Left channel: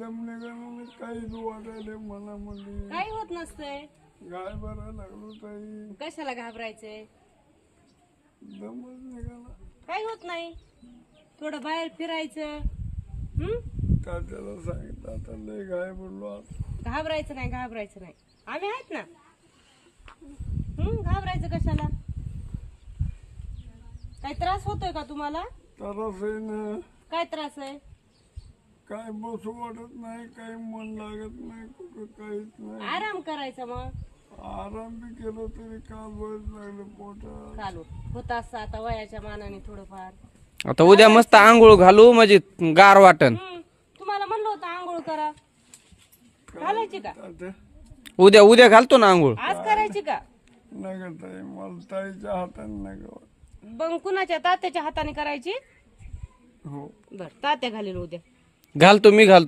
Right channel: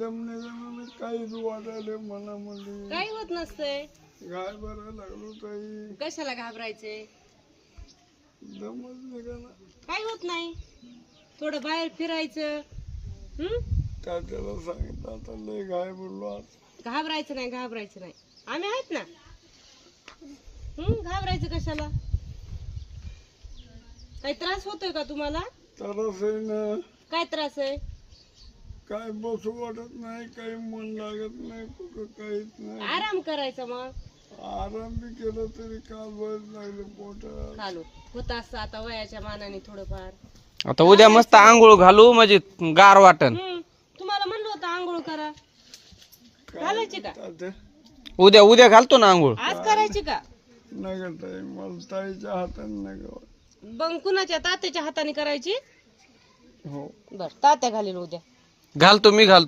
दम निघाला काहीच वाटायला मनामध्ये. काही होत नसतंय. घाबरायला लागलो ताई. कशाला घाबरायचंय? दमच निघाला. काही होत नाही. थोडं बाहेर फिरायचं. तात्याला सांगितलं आता लय घाबरलो आज. घाबरायचं नाही, घाबरायचं नाही. आम्ही आहेत ना. घाबरायचं कशाला? काही त्रास होतोय का तुम्हाला? त्रास आहे ना. काय त्रास आहे? काय बसू वाटत नाही, काही मन लागत नाही, कुठं काहीच नाही. आराम करायचा मग. आराम बी केलं तरी का बस लागलं पोटात. चालू होत असतं आता वयाच्या मानाने थोडंफार. आता उद्या मस्त आंघोळ घालू म्हणजे गार वाटन. तुम्हाला म्हणलं होतं आंघोळ करा. घालायची का? तात्या उद्या उद्या घालतो ना आंघोळ. आज करायची का? नका ताई, मला ताईच्या हाताने नका. मग कुणाच्या? तात्याच्या हाताने करायची. हो बर, तात्या घालेल उद्या. घालतो मी घालतो.